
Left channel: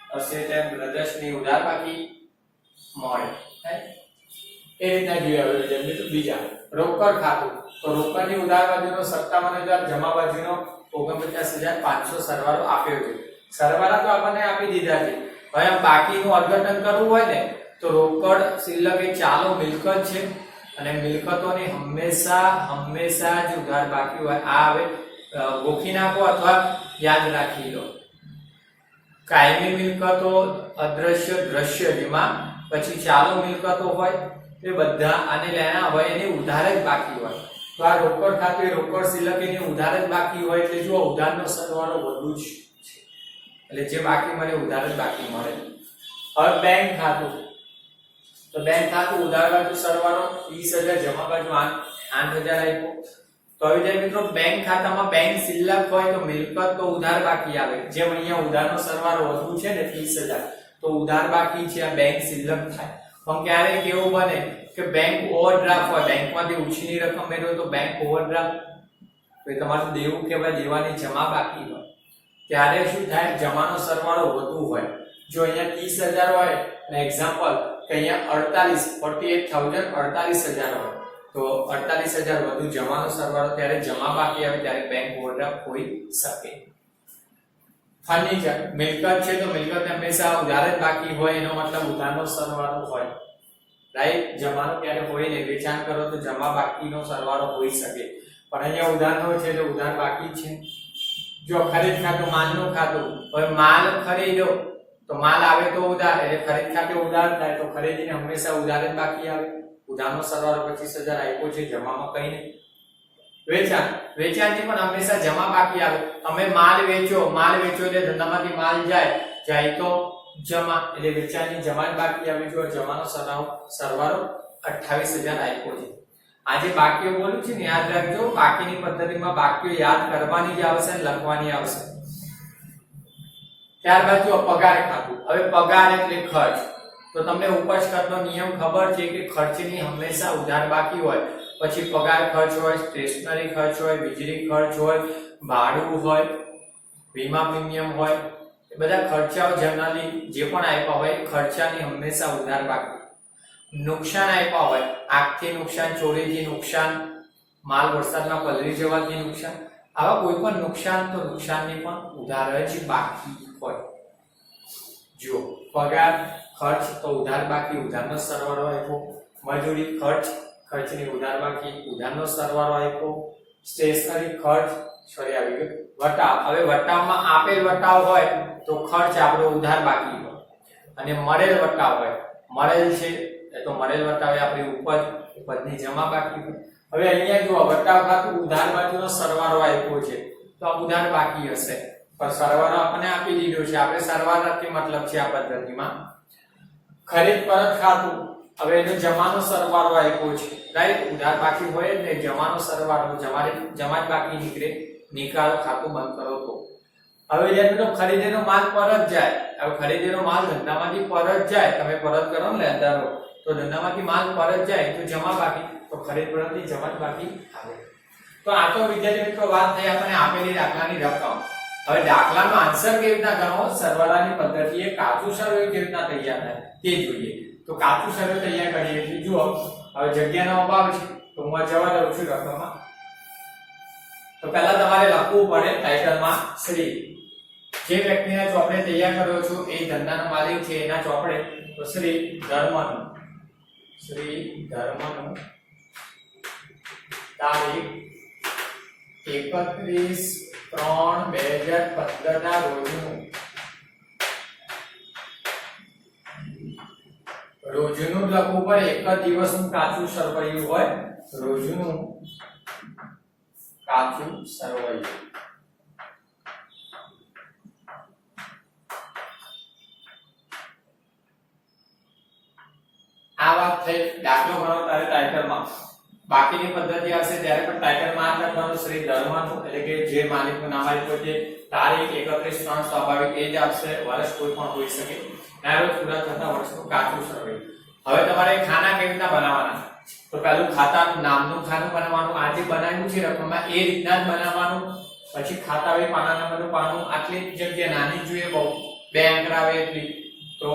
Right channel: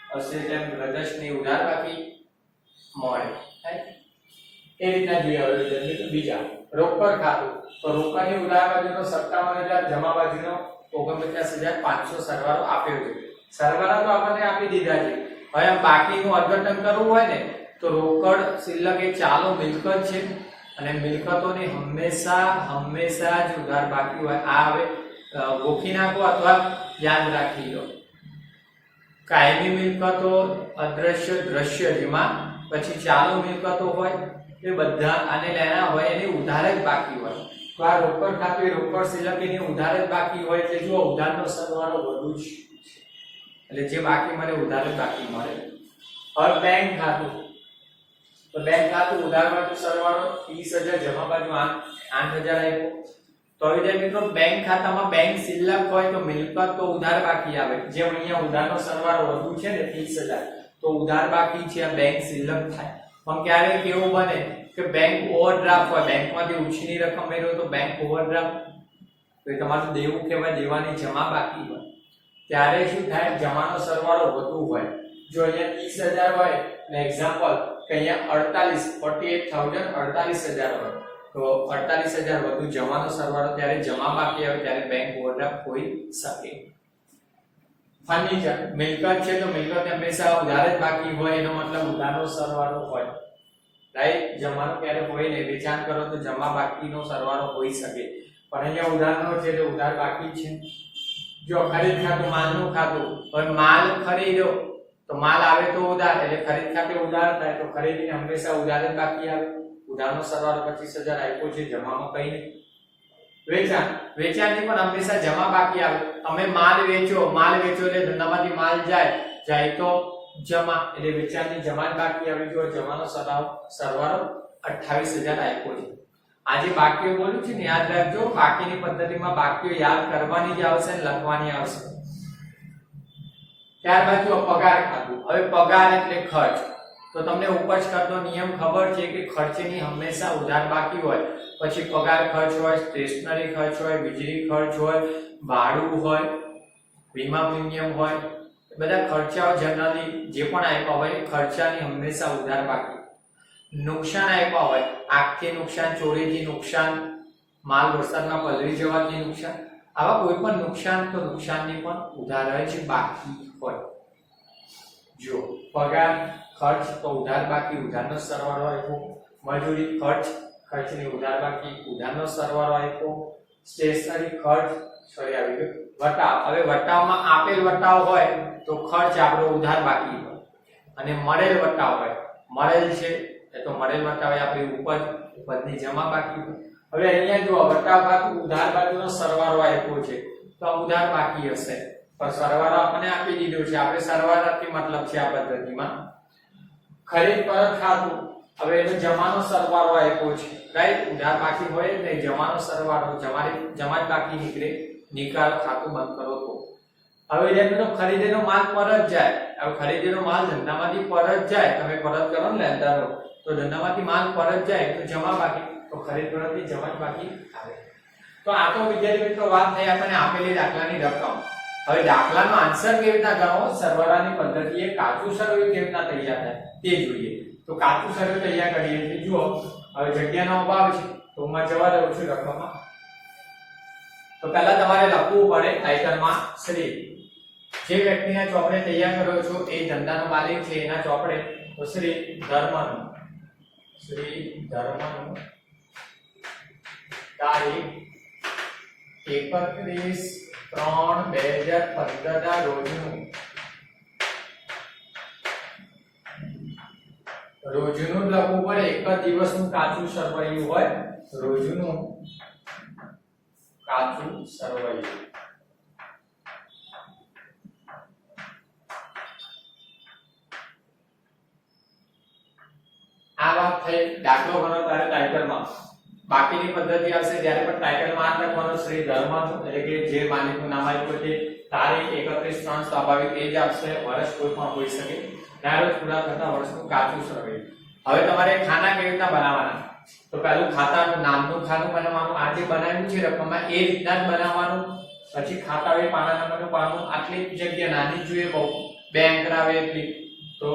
તો શેઠ એન્ડ બ્રધર્સ ની ઉધાર બાકી મળે, એ રીતના જોઈએ. હવે વિદ્યાર્થી બીજા રોકડ ખાતું, તો રોકડની ઉધાર બાજુનો 57000, જમા બાજુનો 49500 સરવાળો આપ્યો છે. સરવાળા તો આપણને આપી દીધા છે. હવે આમ બાકીનું અર્થઘટન કરવું હોય ને તો રોકડ શિલ્લક એ ચાલુ મિલકત છે, અને મિલકતોની હંમેશા જ ઉધાર બાકી હોય. આ હવે ગોખી નાખો અથવા યાદ રાખી લો. કાયમી મિલકતો, અદ્રશ્ય, દ્રશ્ય, જેમાં પછી ચાલુ મિલકતો હોય એ બધા આને લેના હોય એની ઉધાર જ બાકી હોય. તો આ રોકડ ખાતું રોકડ શિલ્લક એની ઉધાર જ બાકી હોય એટલે જો ઉધારનો સરવાળો વધુ છે એટલે જે બાકી મળે ઉધાર જ બાકી મળે. હવે બેંક ખાતું, તો બેંક ખાતું ઉધાર બાજુ સરવાળો 30000, જમા બાજુ 8000 આપ્યો. તો હવે જાય મિત્રો બેંક ખાતામાં બેંક શિલ્લક હોય તો મિલકત તો ઉધાર બાકી આવે. જેમ અહીંયા ઉધારનો સરવાળો વધુ છે ને 30000, તો ઉધાર બાકી છે, આ બેંક શિલ્લક થાય. પણ ક્યારેક એવું બને કે બેંક ઓવરડ્રાફ્ટ હોય, બેંકમાંથી ઉછીની રકમ મેળવો તો બેંક ઓવરડ્રાફ્ટ, તો તમારું દેવું કહેવાય, દેવાની જમા બાકી હોય. ત્યારે શું થાય, જમાનો સરવાળો વધુ હોય. જો અહીંયા 30000 હોય અને એક્ઝામ્પલ કે અહીંયા 48000 હોય તો 48000 વધુ જમાનો સરવાળો, ત્યારે જમા બાકી આવે, ત્યારે બેંક ઓવરડ્રાફ્ટ હોઈ શકે. ફર્નિચર મિલકત છે, તો મિલકત હંમેશા ઉધાર જ બાકી હોય, એનો મતલબ ઉધારનો સરવાળો હોય, રાઈટ. જમાનો ત્યારે હોય નહીં, વેચાણ કરો તો જમા બાકીનો સરવાળો હોઈ શકે, પણ અહીંયા ઉધારનો છે એટલે ઉધાર બાકી છે. જો ખરીદ ખાતું માલનું ખાતું, હવે માલ ખરીદ્યો તો માલ આવે તો ઉધાર, એટલે ખરીદ ખાતે ઉધાર થાય તો ખરીદીને હંમેશા ઉધાર જ બાકી આવે. ઉધારનો સરવાળો 25,000 આપ્યો છે, જમામાં કઈ નહીં. વેચાણ, વેચાણથી પણ હંમેશા જમા બાકી આવે. તમે માલ વેચો એટલે ધંધામાંથી માલ જાય તો જમા, એટલે વેચાણની જમા જ બાકી આવે. જો જમાનો સરવાળો 28,000 આપ્યો છે. આજે બાકીઓ બોલ્યું છે ને યાદ રાખજો, બાકીની પદ્ધતિમાં બાકીઓ યાદ કરવાની જ આવશે અને લખવાની આવશે. ત્યારબાદ જો પગાર ખાતું. હવે પગાર એટલે ખર્ચ, તો તમને ઉપજ ખર્ચનો નિયમ ખબર છે કે ખર્ચની હંમેશા ઉધાર બાકી હોય. પછી પગાર ખર્ચ હોય, સ્ટેશનરી ખર્ચ હોય, વીજળી ખર્ચ હોય, ભાડું હોય, વીમા પ્રીમિયમ હોય, એ બધા ખર્ચાઓ જનરલી જે પણ આપ્યા હોય ખર્ચાની હંમેશા ઉધાર બાકી. નુકસાન આપ્યા હોય, આગથી નુકસાન, ચોરીથી નુકસાન, માલ વરસાદમાં પલળી જવાથી નુકસાન, આવા કોઈ પણ નુકસાન તો નુકસાનની પણ ઉધાર જ બાકી હોય. જો પગાર ખર્ચ તો ઉધાર બાકી, ઉધારનો સરવાળો આપ્યો. મજૂરી ખર્ચ, ખર્ચની ઉધાર બાકી, ઉધારનો સરવાળો આપ્યો. સ્ટેશનરી ખર્ચ સોરી આવી ગયો વટાવ. હવે વટાવમાં આપેલ વટાવ હોય તો ખર્ચ આપણો ઉધાર બાકી હોય, અને મળેલ વટાવ હોય, મળેલ છે તો મળેલ વટાવ એ આપણી ઉપજની જમા બાકી હોય. હવે અહીંયા જુઓ વટાવ ખાતું ઉધાર બાજુનો સરવાળો આપ્યો છે તો આ ઉધાર બાકી હશે, પણ સરવાળો આપણને આપી દીધો છે. આપણે સરવાળાથી મતલબ છે આ પદ્ધતિમાં. ખરીદ પરત ખાતું, હવે એનો જમાનો સરવાળો આપ્યો છે, રાઈટ. ઉધાર બાકી હોય જ નહીં, જમાનો સરવાળો, જમા જ બાકી નીકળે. નિકાલ ખાતું બંધ કરો તો. હવે જેમ તો ખરીદેલો માલ પરત જાય. હવે ખરીદેલો માલ ધંધામાંથી પરત જાય, તમે પરત કરો ને લેણદારો, તો ધંધામાંથી માલ પરત જાય તો જમા બાકી, તો ખરીદ પરતની જમા જ બાકી આવે. તો આ તો વિદ્યાર્થી મિત્રો વાત થઈ આપણે આપેલી દાખલાની રકમ. હવે દાખલાનો આન્સર કેવી રીતના ગણવો, સરવાળાની પદ્ધતિએ કાચું સર્વે કેવી રીતના તૈયાર થાય તે જોઈએ. તો કાચું સર્વે તૈયાર કરીએ છીએ. જુઓ હવે જગ્યાનો અભાવ છે તો હું જવા દઉં છું રકમમાં. તો પહેલા તમારે લખવું પડે ટાઇટલમાં શ્રી. જે વ્યક્તિના ચોપડે તૈયાર કર્યો છો એ ધંધાનો માલિક છે, એના ચોપડે તો શ્રી ધર્મનું, શ્રી ધર્મનું, તારીખ 31/3/2015 ના રોજનું જ લખવું પડે. એક જ દિવસનું કાચું સરવૈયું હોય, રોજનું કાચું સરવૈયું. આ વાત થઈ દાખલો ગણો ત્યારે ટાઇટલમાં. બાકીની પદ્ધતિ આવશે ત્યારે પણ ટાઇટલમાં જ લખવાનું શ્રી ધર્મનું, એટલે કે જે માલિકનું નામ આપ્યું છે. તારીખ 31/3 સ્વાભાવિક એ જ આવશે, વર્ષ કોઈ પણ હોઈ શકે. નારોજ પૂરા થતા વર્ષનું કાચું સરવૈયું. હવે તમારે ખાના કેવી રીતના બનાવવાના, તો પહેલું ખાતાનું નામનું ખાનું બનાવવાનું. આ જે બનાવ્યું છે રકમમાં એ રીતના જ બનાવવાનું. પછી ખાતા હોય પાના નંબરનું પાનું, આટલી જગ્યા નાની જોઈએ, બહુ 2 આંકડા આવે એટલી, તો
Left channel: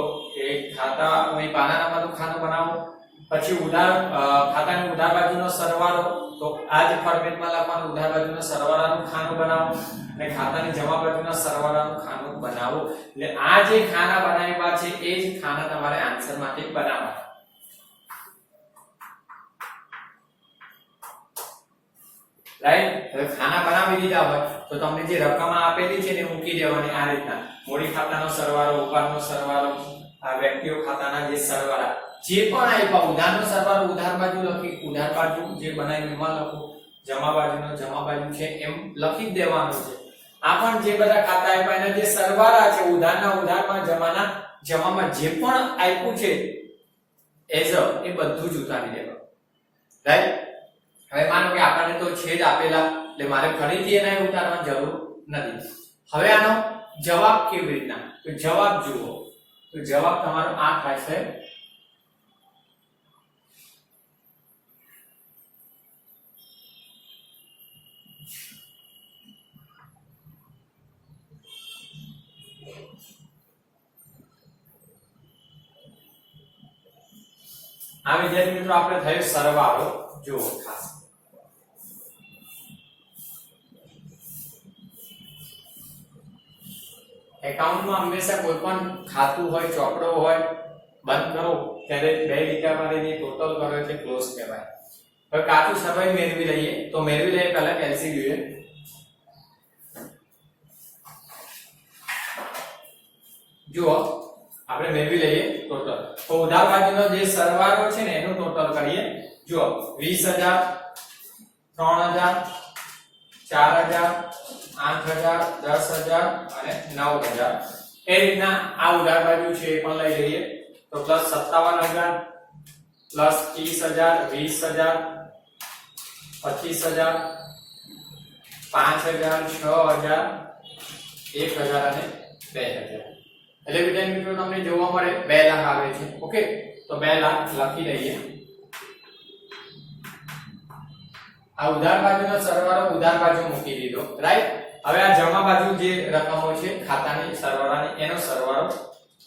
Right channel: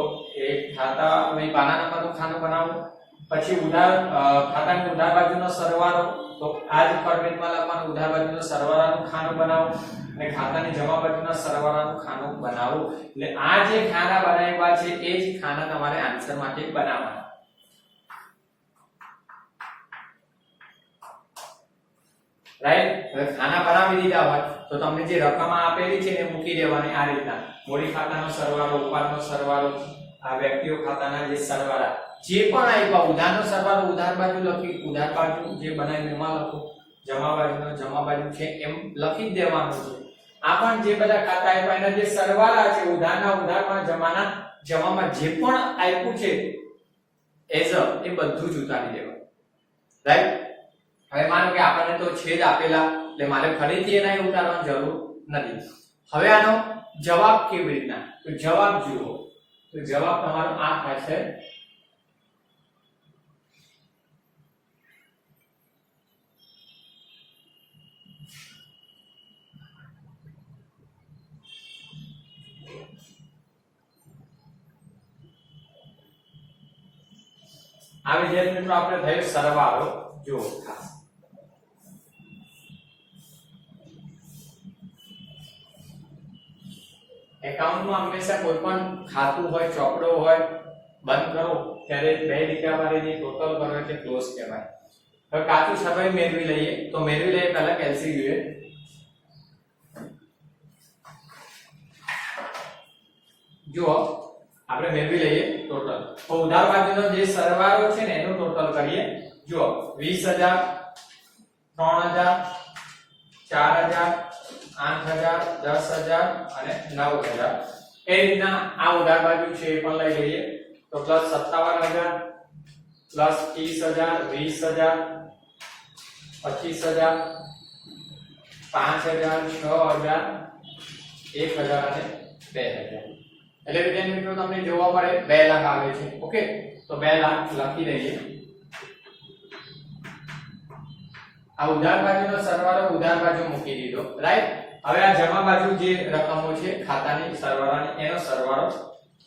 એ ખાતા હોય પાના નંબરનું ખાનું બનાવો. પછી ઉધાર ખાતાની ઉધાર બાજુનો સરવાળો, તો આ જ ફોર્મેટમાં લખવાનું. ઉધાર બાજુનો સરવાળાનું ખાનું બનાવો અને ખાતાની જમા બાજુના સરવાળાનું ખાનું બનાવો. એટલે આ જે ખાના બનાવ્યા છે એ જ ખાના તમારે આન્સર માટે બનાવવાના. રાઈટ. હવે ખાના બનાવી દીધા હોય તો તમને જે રકમ આપેલી છે એને મૂકી દેવાની આ રીતના. મૂડી ખાતાનો સરવાળો, ઉપાડનો સરવાળો, આ વ્યક્તિઓ ખાતાના જે સરવાળા જે પણ આપ્યા, ઉધારનો સરવાળો ઉધાર બાજુ લખી, ઉધાર બાજુ જે બનાવી એમાં લખો, જમા બાજુનો જમા બાજુ છે એમ લખી જ દેવાનું છે. આ પણ જે બધા ખાતા આપ્યા એના જે સરવાળા છે, ઉધારના ઉધારમાં, જમાના જમામાં જે પણ આપ્યું છે એઝ એ બધું જ ઉતારી દેવાનું. રાઈટ. હવે માનો કે આપણને તો છે જ આપેલા, એટલે મારે ફરીથી એને ઉતારવાની જરૂર નથી. હવે આનો જવાબ કેવી રીતના, તો જવાબ જુઓ. તો જવાબ તમારો આ થશે. આ વિદ્યાર્થી મિત્રો આપણે થયું સરવાળો. જુઓ ખાસ એકાઉન્ટમાં હંમેશા કોઈ પણ ખાતું હોય, ચોપડો હોય, બંધ કરો ત્યારે 2 લીટા મારીને ટોટલ કરો એટલે ક્લોઝ કહેવાય. હવે કાચું સરવાળો મેળવી લઈએ. તો મેળવી લઈએ પહેલા LCM જોઈએ. જુઓ આપણે મેળવી લઈએ ટોટલ. તો ઉધાર બાજુનો જે સરવાળો છે ને એનું ટોટલ કરીએ. જુઓ 20000, 3000, 4000, 8000, 10000 અને 9000. એ રીતના આ ઉધાર બાજુ છે એ પણ લઈ લઈએ. તો પ્લસ 57000, પ્લસ 30000, 20000, 25000, 5000, 6000, 1000 અને 2000. એટલે વિદ્યાર્થી મિત્રો તમને જોવા મળે 2 લાખ આવે છે. ઓકે, તો 2 લાખ લખી દઈએ. આ ઉધાર બાજુનો સરવાળો ઉધાર બાજુ મૂકી દીધો, રાઈટ. હવે આ જમા બાજુ જે રકમો છે ખાતાની સરવાળાની એનો સરવાળો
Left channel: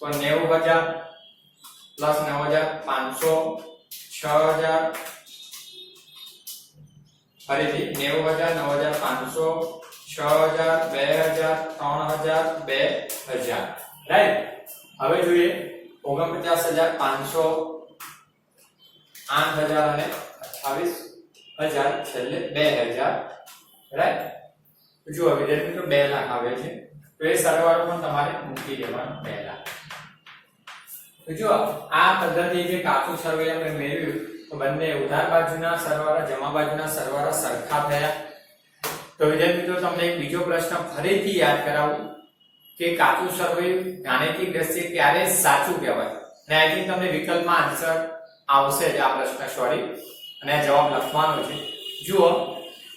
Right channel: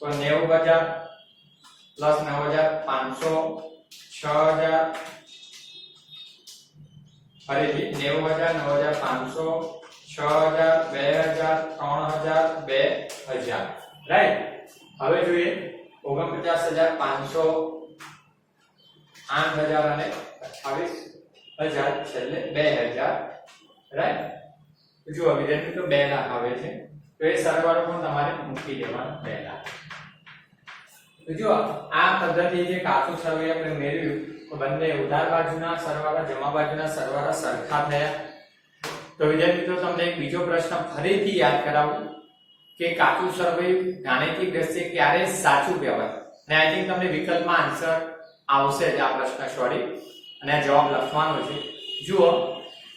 તો 90000 પ્લસ 9500, 6000, ફરીથી 90000, 9500, 6000, 2000, 3000, 2000, રાઈટ. હવે જોઈએ 49500, 8000 અને 28000, છેલ્લે 2000, રાઈટ. જો વિદ્યાર્થી મિત્રો 2 લાખ આવે છે તો એ સરવાળો પણ તમારે મૂકી દેવાનો 2 લાખ. તો જો આ પદ્ધતિ જે કાચું સરવાળો આપણે મેળવ્યું તો બંને ઉધાર બાજુના સરવાળા જમા બાજુના સરવાળા સરખા થયા. તો વિદ્યાર્થી મિત્રો તમને એક બીજો પ્રશ્ન ફરીથી યાદ કરાવું કે કાચું સરવાળો ગાણિતિક દ્રષ્ટિએ ક્યારે સાચું કહેવાય. અને આઈ થિંક તમને વિકલ્પમાં આન્સર આવશે જ આ પ્રશ્ન, સોરી, અને આ જવાબ લખવાનો છે. જુઓ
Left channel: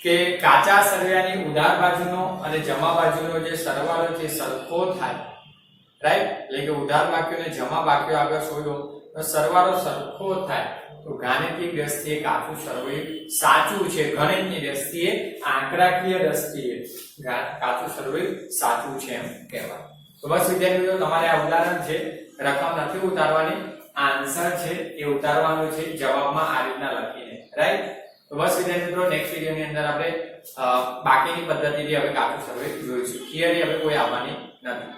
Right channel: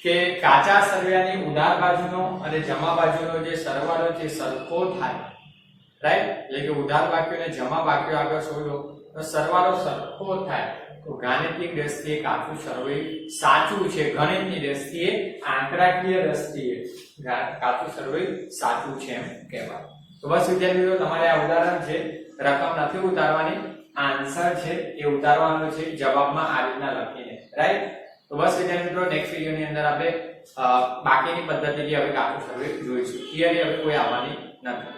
કે કાચા સરવાળાની ઉધાર બાજુનો અને જમા બાજુનો જે સરવાળો છે સરખો થાય, રાઈટ. એટલે કે ઉધાર બાકીઓ અને જમા બાકીઓ આગળ શોધો તો સરવાળો સરખો થાય તો ગાણિતિક દ્રષ્ટિએ કાચું સરવાળો સાચું છે. ગણિતની દ્રષ્ટિએ, આંકડાકીય દ્રષ્ટિએ કાચું સરવાળો સાચું છે એમ કહેવાય. તો બસ વિદ્યાર્થી મિત્રો તમારે આ ઉદાહરણ છે, રકમ નથી ઉતારવાની, આન્સર છે એ ઉતારવાનો છે જવાબમાં આ રીતના લખીને, રાઈટ. તો બસ વિદ્યાર્થી મિત્રો નેક્સ્ટ વિડિયોની અંદર આપણે બાકીની પદ્ધતિથી હવે કાચું સરવાળો જોઈશું. થિયરી હવે કોઈ આવવાની નથી.